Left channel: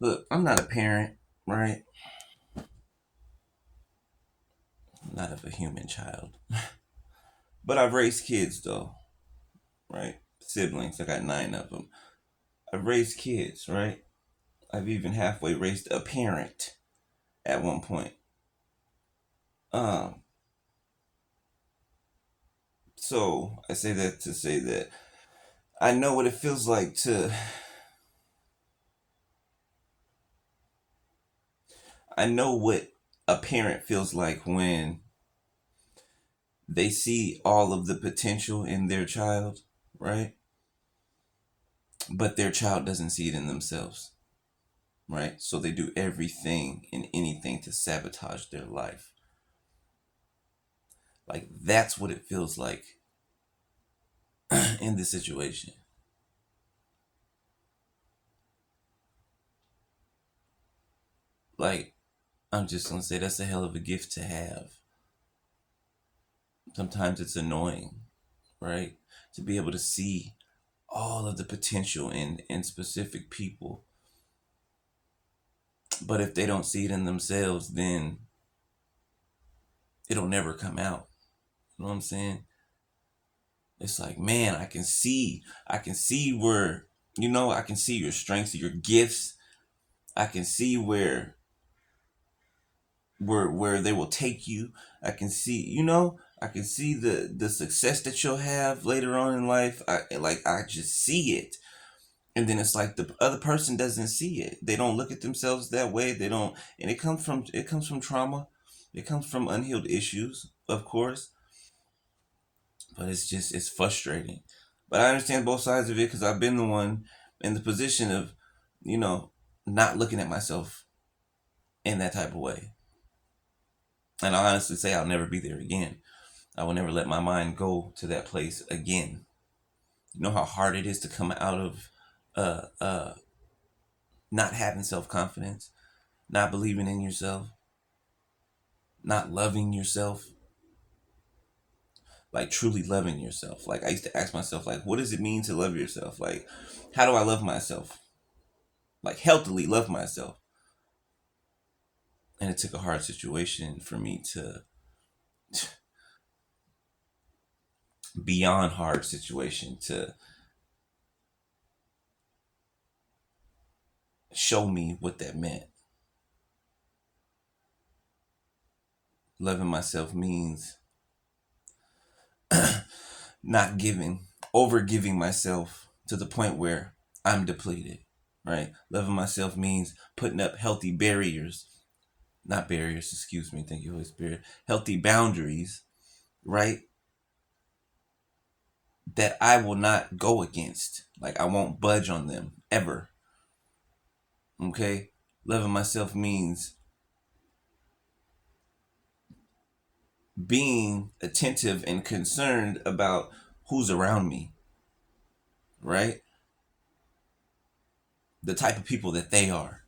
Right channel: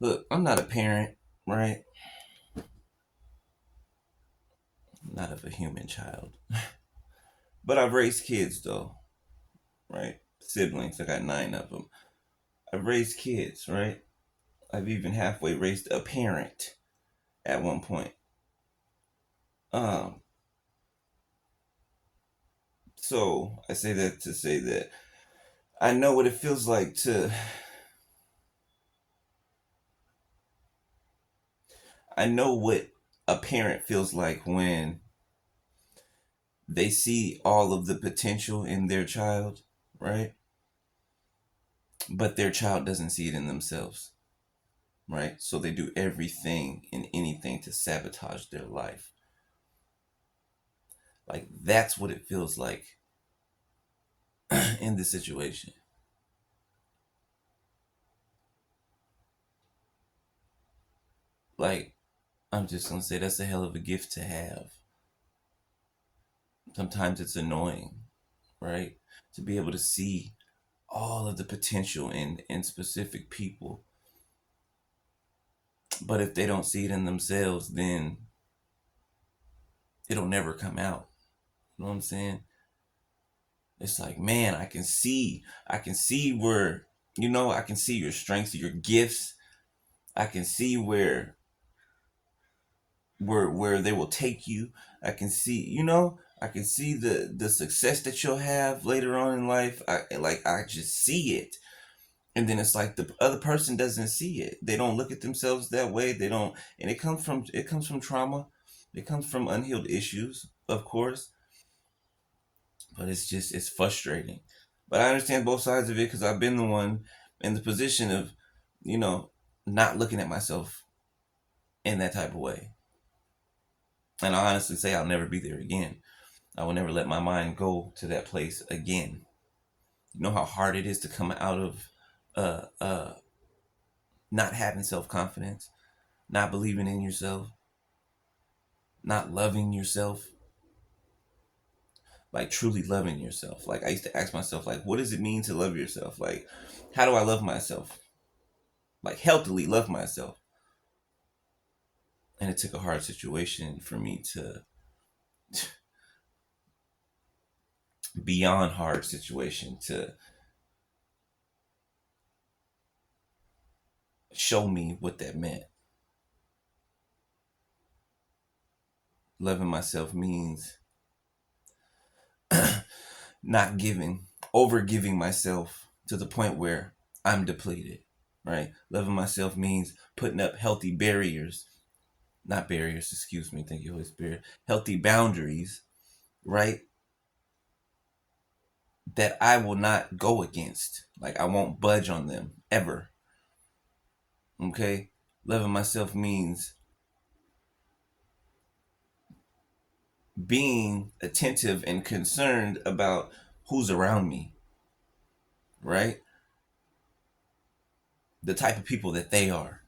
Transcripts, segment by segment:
Look, I'm not a parent, right? I'm not of a human child. But I've raised kids, though, right? Siblings, I got 9 of them. I've raised kids, right? I've even halfway raised a parent at one point. Um, so I say that to say that I know what it feels like to. I know what a parent feels like when they see all of the potential in their child, right? But their child doesn't see it in themselves, right? So they do everything and anything to sabotage their life. Like that's what it feels like in this situation. Like I'm just gonna say that's a hell of a gift to have. Sometimes it's annoying, right? To be able to see all of the potential in specific people. But if they don't see it in themselves, then it'll never come out. You know what I'm saying? It's like, man, I can see where, I can see your strengths, your gifts. I can see where they will take you. I can see, I can see the success that you'll have later on in life. I just see it. And then it's like the other person doesn't see it. They don't look at themselves that way. They don't, and it comes from trauma. It comes from unhealed issues, of course. But it's frustrating. But I understand both sides of it because I've been the one in the position of, you know, not looking at myself in that type of way. And I honestly say I'll never be there again. I will never let my mind go to that place again. You know how hard it is to come out of not having self confidence, not believing in yourself, not loving yourself, like truly loving yourself. Like I used to ask myself, like, what does it mean to love yourself? Like, how do I love myself? Like healthily love myself. And it took a hard situation for me to beyond hard situation to show me what that meant. Loving myself means not giving, over giving myself to the point where I'm depleted, right? Loving myself means putting up healthy barriers, not barriers, excuse me, thank you, Holy Spirit, healthy boundaries, right? That I will not go against. Like I won't budge on them ever, okay? Loving myself means being attentive and concerned about who's around me, right? The type of people that they are.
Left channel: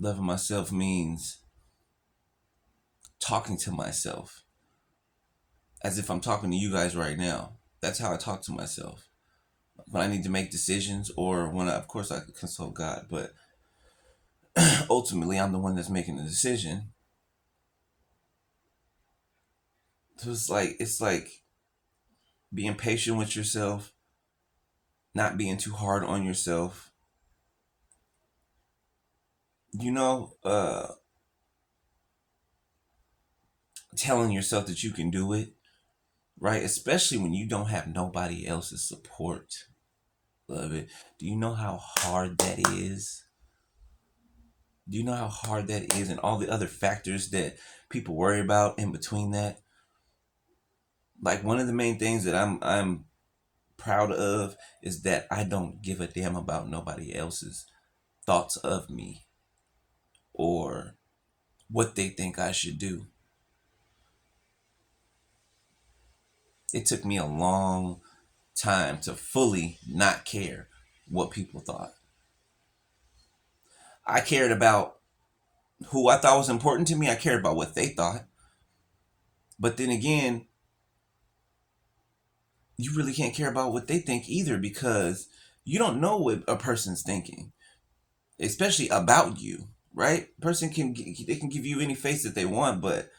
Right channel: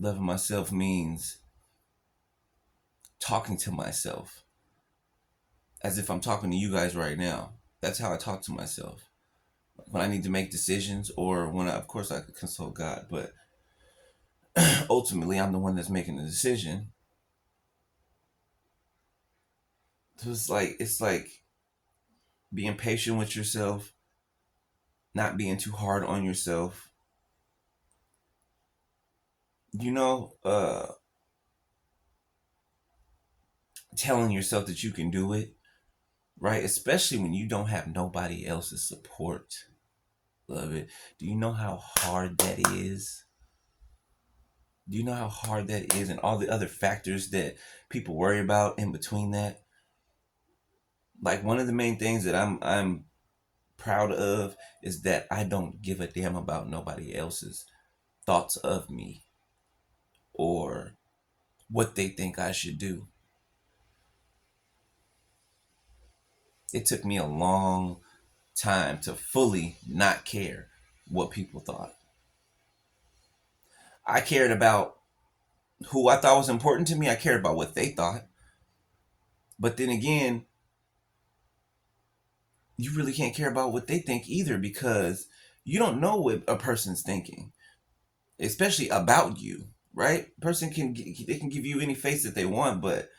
Loving myself means talking to myself as if I'm talking to you guys right now. That's how I talk to myself. When I need to make decisions or when of course I could consult God, but ultimately I'm the one that's making the decision. So it's like being patient with yourself, not being too hard on yourself. You know, telling yourself that you can do it, right? Especially when you don't have nobody else's support. Love it. Do you know how hard that is? Do you know how hard that is and all the other factors that people worry about in between that? Like one of the main things that I'm proud of is that I don't give a damn about nobody else's thoughts of me or what they think I should do. It took me a long time to fully not care what people thought. I cared about who I thought was important to me. I cared about what they thought. But then again, you really can't care about what they think either, because you don't know what a person's thinking, especially about you, right? Person can they can give you any face that they want, but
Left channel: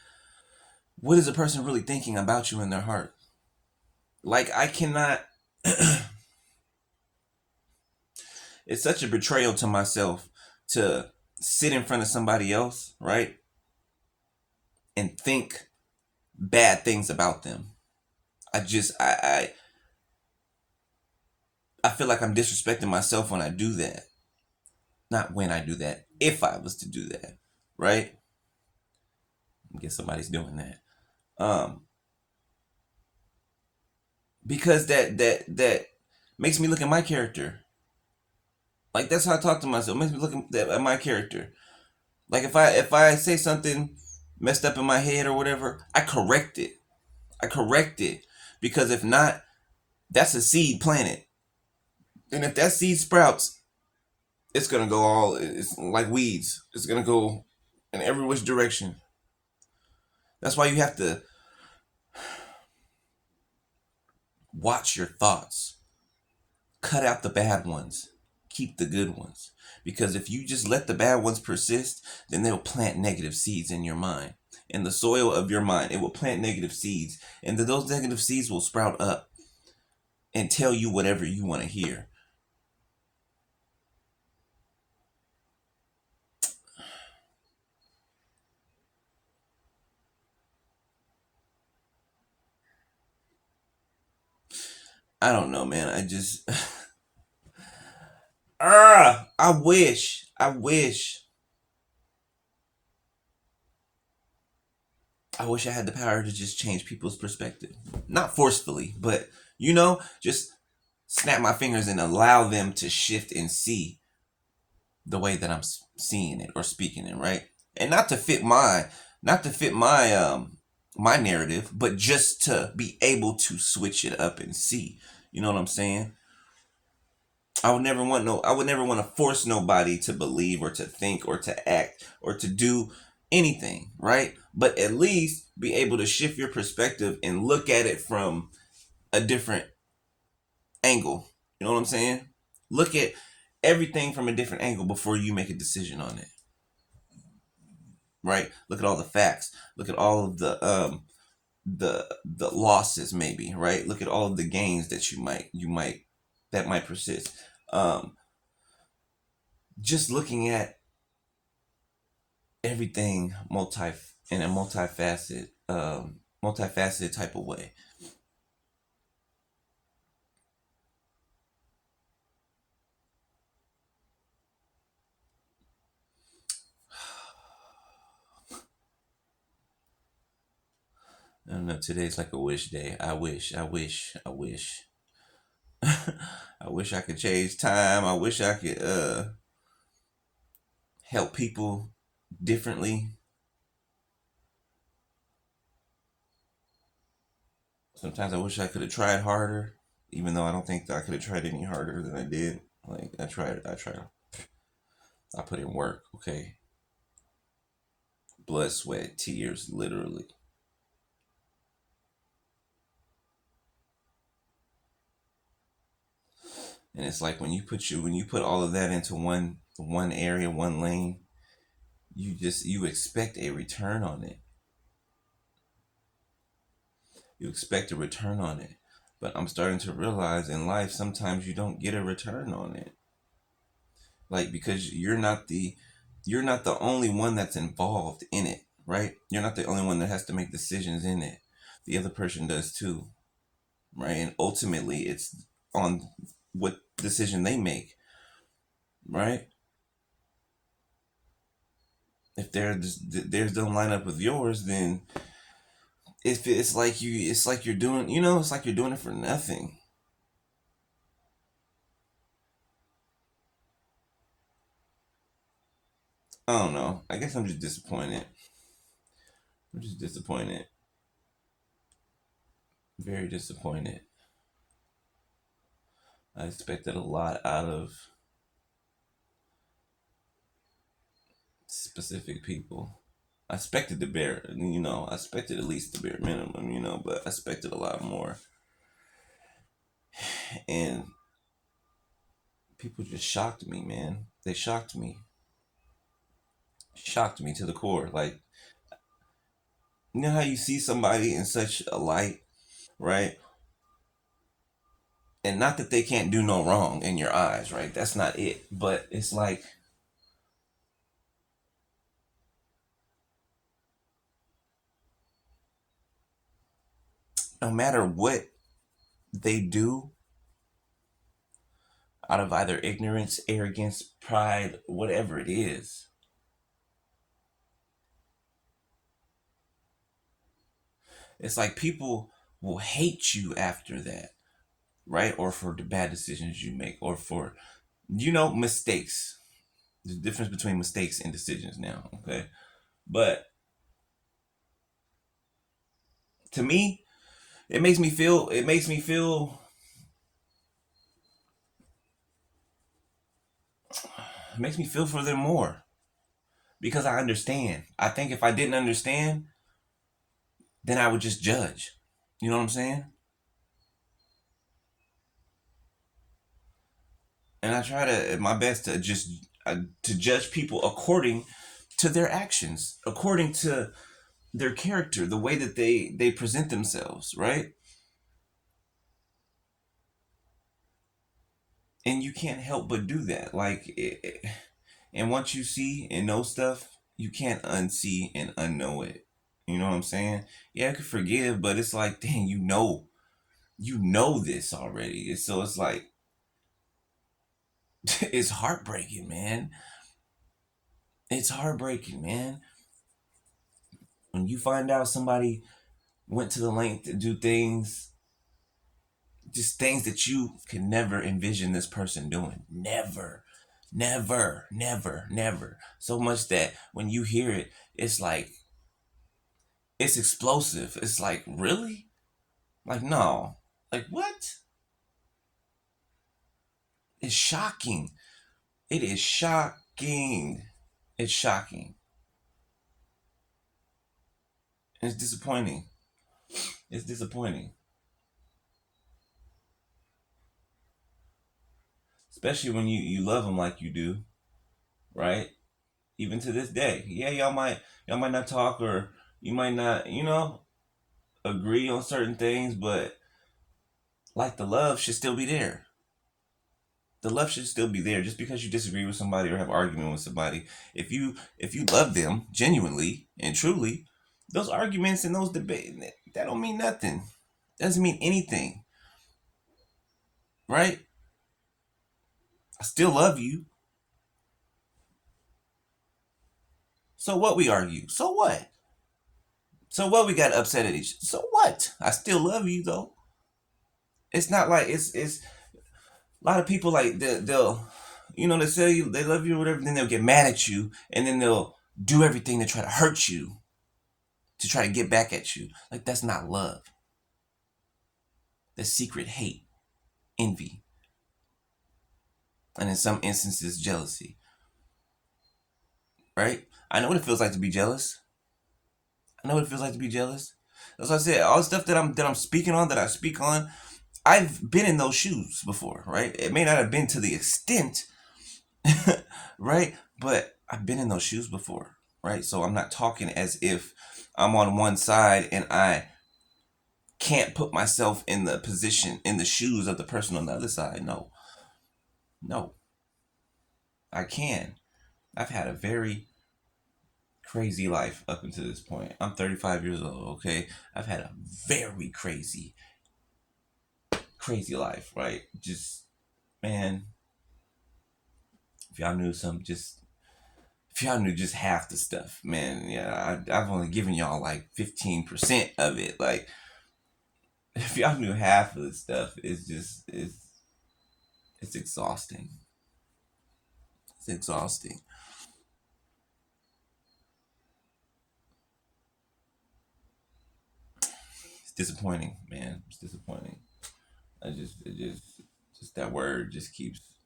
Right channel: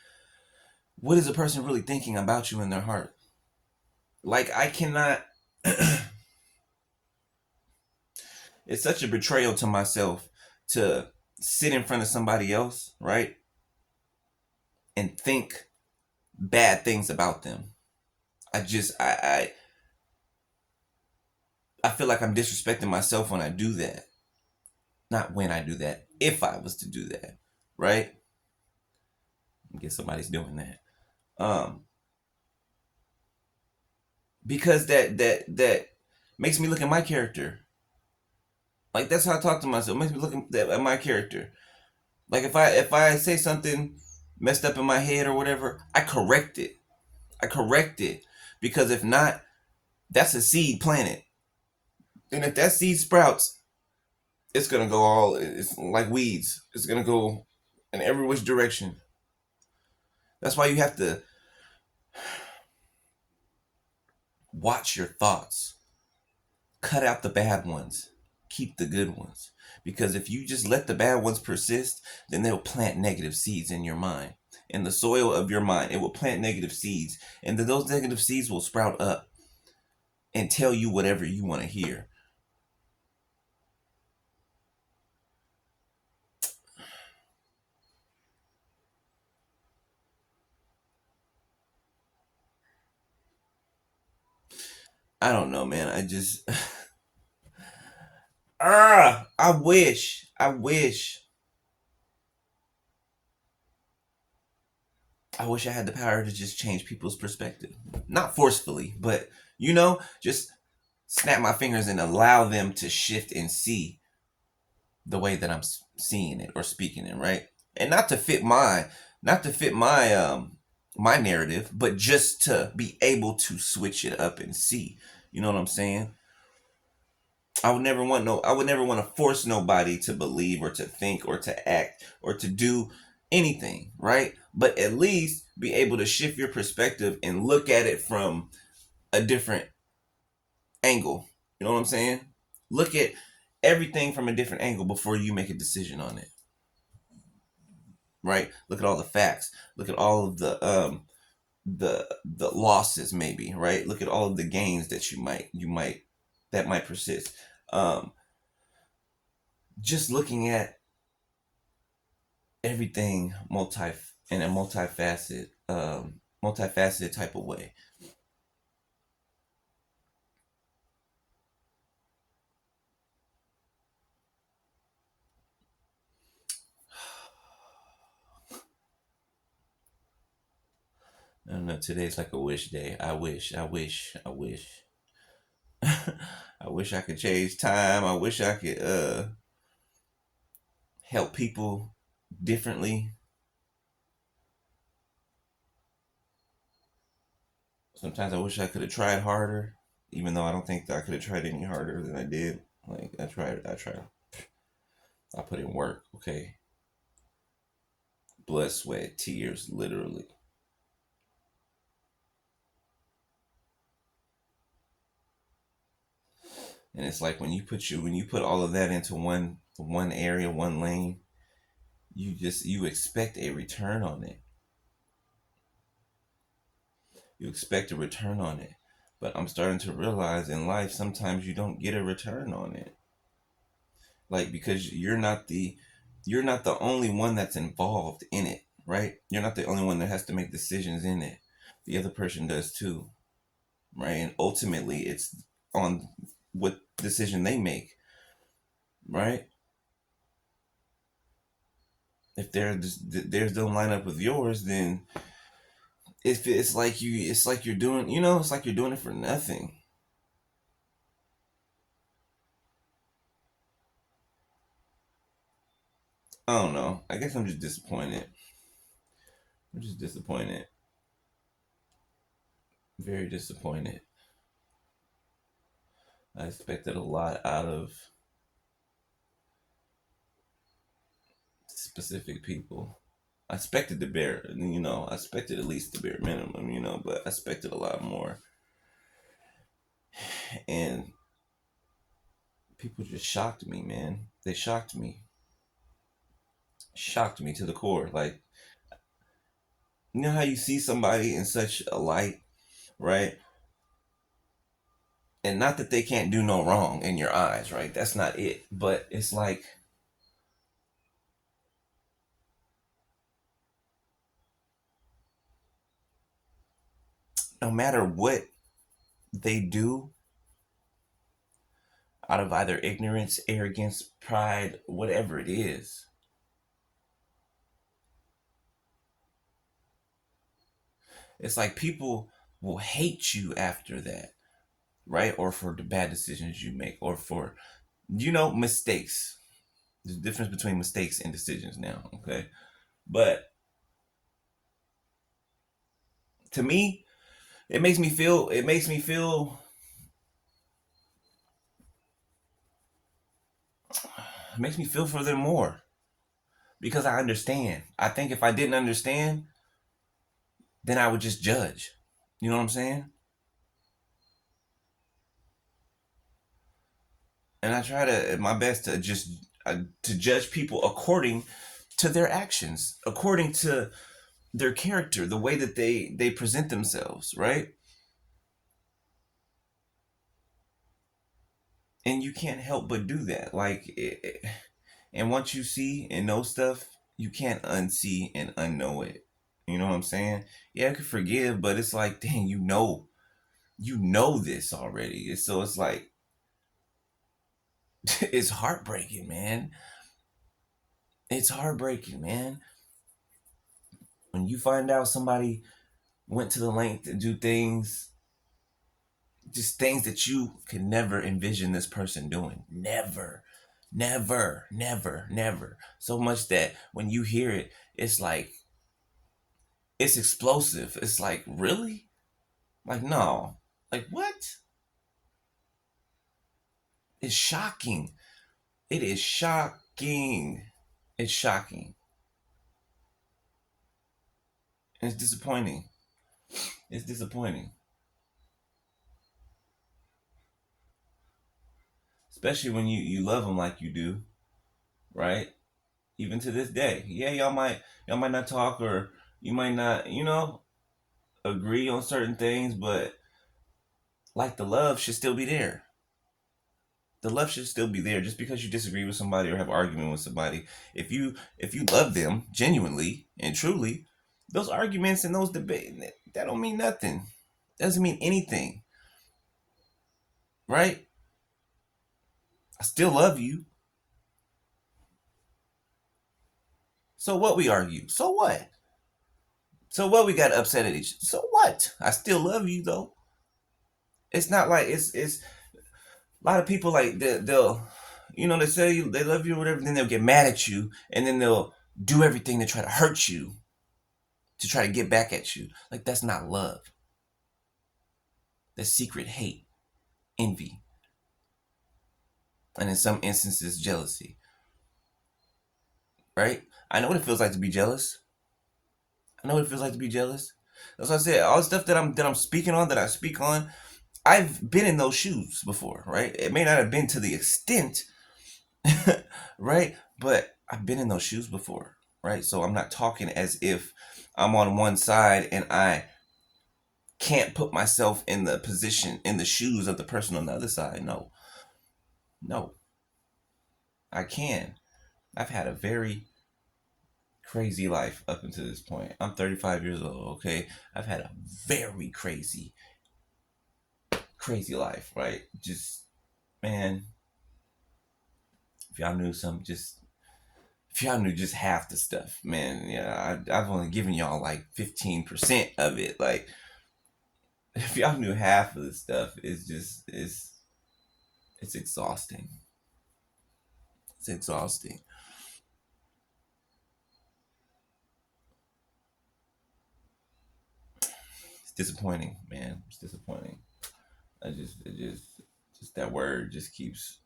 what is a person really thinking about you in their heart? Like, I cannot. It's such a betrayal to myself to sit in front of somebody else, right, and think bad things about them. I feel like I'm disrespecting myself when I do that. Not when I do that, if I was to do that, right? I guess somebody's doing that. Because that makes me look at my character. Like, that's how I talk to myself. It makes me look at my character. Like, if I say something messed up in my head or whatever, I correct it. I correct it, because if not, that's a seed planted, and if that seed sprouts, it's gonna go all. It's like weeds. It's gonna go in every which direction. That's why you have to watch your thoughts. Cut out the bad ones. Keep the good ones. Because if you just let the bad ones persist, then they'll plant negative seeds in your mind. In the soil of your mind, it will plant negative seeds. And then those negative seeds will sprout up and tell you whatever you want to hear. I don't know, man. I just. I wish I had the power to just change people's perspective. Not forcefully, but, just snap my fingers and allow them to shift and see the way that I'm seeing it or speaking it, right? And not to fit my my narrative, but just to be able to switch it up and see. You know what I'm saying? I would never want to force nobody to believe or to think or to act or to do anything, right? But at least be able to shift your perspective and look at it from a different angle. You know what I'm saying? Look at everything from a different angle before you make a decision on it. Right? Look at all the facts. Look at all of the losses, maybe, right? Look at all of the gains that you might that might persist. Um just looking at everything in a multifaceted type of way. I don't know. Today's like a wish day. I wish. I wish I could change time. I wish I could help people differently. Sometimes I wish I could have tried harder, even though I don't think that I could have tried any harder than I did. Like, I tried. I put in work, okay? Blood, sweat, tears, literally. And it's like when you put all of that into one area, one lane, you expect a return on it. You expect a return on it. But I'm starting to realize in life sometimes you don't get a return on it. Like, because you're not the only one that's involved in it, right? You're not the only one that has to make decisions in it. The other person does too, right? And ultimately it's on what decision they make, right? If theirs don't line up with yours, then it's like you're doing, it's like you're doing it for nothing. I don't know. I guess I'm just disappointed. I'm just disappointed. Very disappointed. I expected a lot out of specific people. I expected the bare, I expected at least the bare minimum, but I expected a lot more. And people just shocked me, man. They shocked me to the core. Like, you know how you see somebody in such a light, right? And not that they can't do no wrong in your eyes, right? That's not it. But it's like, no matter what they do, out of either ignorance, arrogance, pride, whatever it is, it's like people will hate you after that, right? Or for the bad decisions you make, or for, mistakes. There's a difference between mistakes and decisions now, okay? But to me, it makes me feel for them more because I understand. I think if I didn't understand, then I would just judge. You know what I'm saying? And I try to my best to just to judge people according to their actions, according to their character, the way that they present themselves, right? And you can't help but do that. And once you see and know stuff, you can't unsee and unknow it. You know what I'm saying? Yeah, I can forgive, but it's like, dang, you know this already. So it's like, it's heartbreaking, man. It's heartbreaking, man. When you find out somebody went to the length to do things, just things that you could never envision this person doing. Never, never, never, never. So much that when you hear it, it's like, it's explosive. It's like, really? Like, no. Like, what? It's shocking. It is shocking. It's shocking. It's disappointing. It's disappointing. Especially when you love them like you do, right? Even to this day. Yeah, y'all might not talk, or you might not, agree on certain things, but like, the love should still be there. The love should still be there. Just because you disagree with somebody or have argument with somebody, if you love them genuinely and truly, those arguments and those debates, that don't mean nothing. That doesn't mean anything, right? I still love you. So what, we argue? So what? So what, we got upset at each? So what? I still love you though. It's not like it's a lot of people, like, they'll they say they love you or whatever, then they'll get mad at you, and then they'll do everything to try to hurt you, to try to get back at you. Like, that's not love. That's secret hate, envy, and in some instances, jealousy. Right? I know what it feels like to be jealous. I know what it feels like to be jealous. That's why I said all the stuff that I'm speaking on, that I speak on. I've been in those shoes before, right? It may not have been to the extent, right? But I've been in those shoes before, right? So I'm not talking as if I'm on one side and I can't put myself in the position, in the shoes of the person on the other side. No, no, I can. I've had a very crazy life up until this point. I'm 35 years old, okay? I've had a very crazy, crazy life, right? Just, man, if y'all knew some, just if y'all knew just half the stuff, man, yeah, I've only given y'all like 15% of it. Like, if y'all knew half of the stuff, it's exhausting. It's exhausting. It's disappointing, man. It's disappointing. Just that word just keeps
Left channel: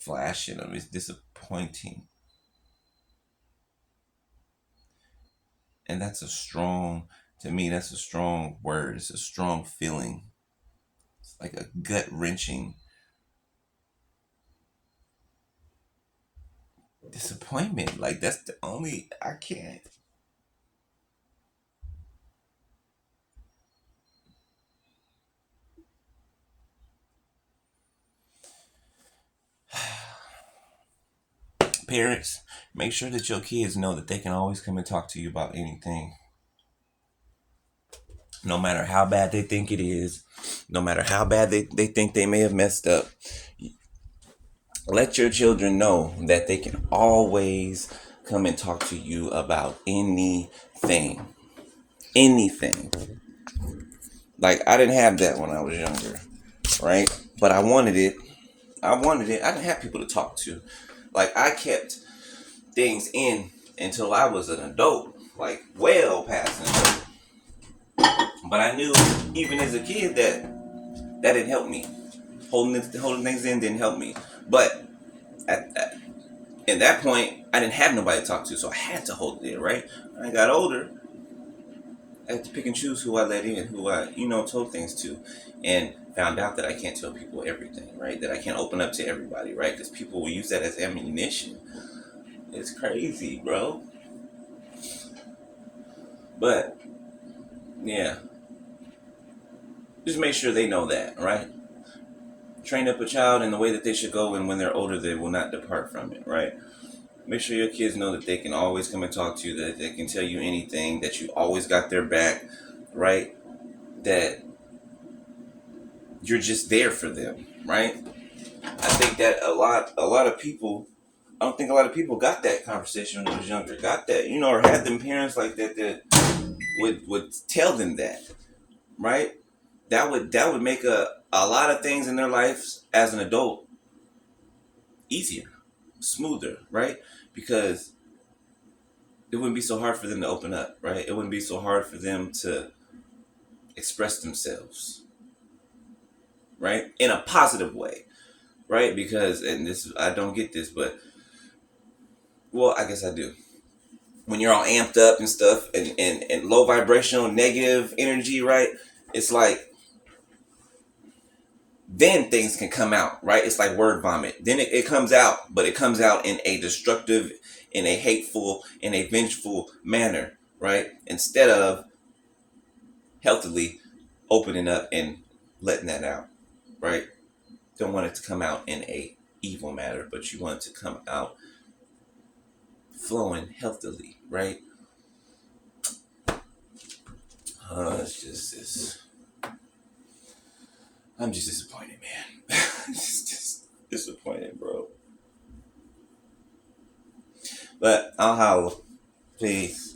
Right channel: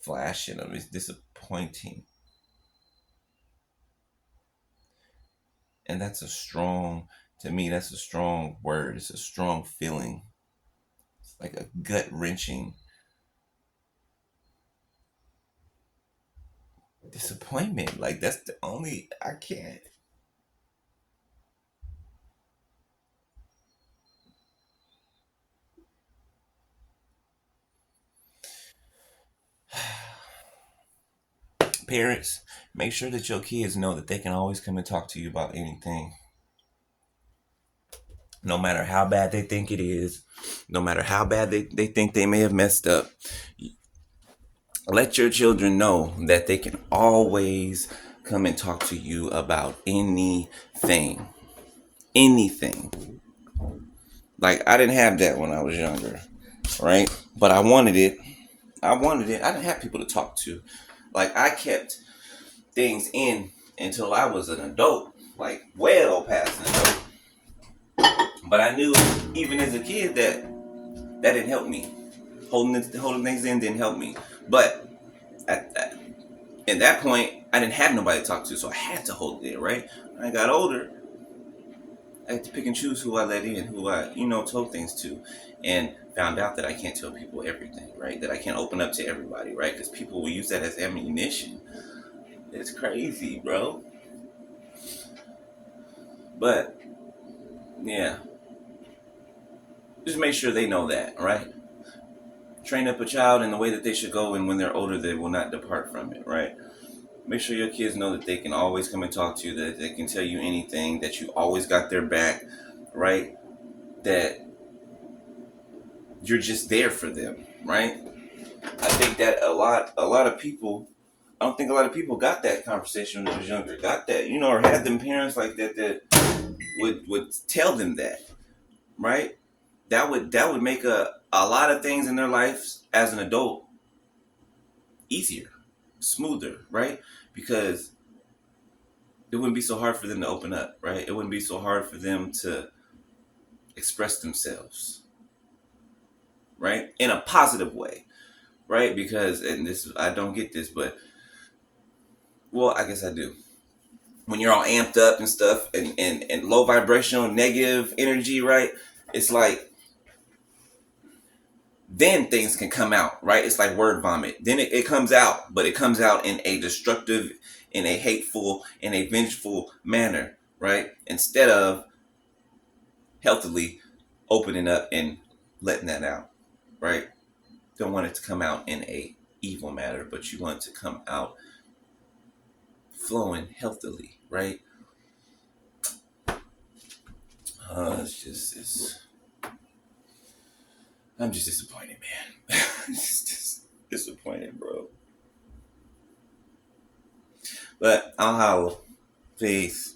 flashing them. It's disappointing, and to me, that's a strong word. It's a strong feeling. like a gut wrenching disappointment. Like that's the only I can't. Parents, make sure that your kids know that they can always come and talk to you about anything, no matter how bad they think it is, no matter how bad they think they may have messed up. Let your children know that they can always come and talk to you about anything. Anything. Like, I didn't have that when I was younger, right? But I wanted it. I wanted it. I didn't have people to talk to. Like, I kept things in until I was an adult, like, well past an adult. But I knew, even as a kid, that that didn't help me. Holding things in didn't help me. But at that point, I didn't have nobody to talk to, so I had to hold it in, right? When I got older, I had to pick and choose who I let in, who I, told things to, and found out that I can't tell people everything, right? That I can't open up to everybody, right? Because people will use that as ammunition. It's crazy, bro. But yeah, just make sure they know that, right? Train up a child in the way that they should go, and when they're older, they will not depart from it, right? Make sure your kids know that they can always come and talk to you, that they can tell you anything, that you always got their back, right? That you're just there for them, right? I think that a lot of people, I don't think a lot of people got that conversation when they was younger, got that, or had them parents like that that would tell them that, right? That would make a lot of things in their lives as an adult easier, smoother, right? Because it wouldn't be so hard for them to open up, right? It wouldn't be so hard for them to express themselves, right? In a positive way, right? Because, and this, I don't get this, but, well, I guess I do. When you're all amped up and stuff, and low vibrational, negative energy, right? It's like, then things can come out, right? It's like word vomit. Then it comes out, but it comes out in a destructive, in a hateful, in a vengeful manner, right? Instead of healthily opening up and letting that out, right? Don't want it to come out in a evil manner, but you want it to come out flowing healthily, right? It's just it's, I'm just disappointed, man. Just disappointed, bro. But I'll holler. Peace.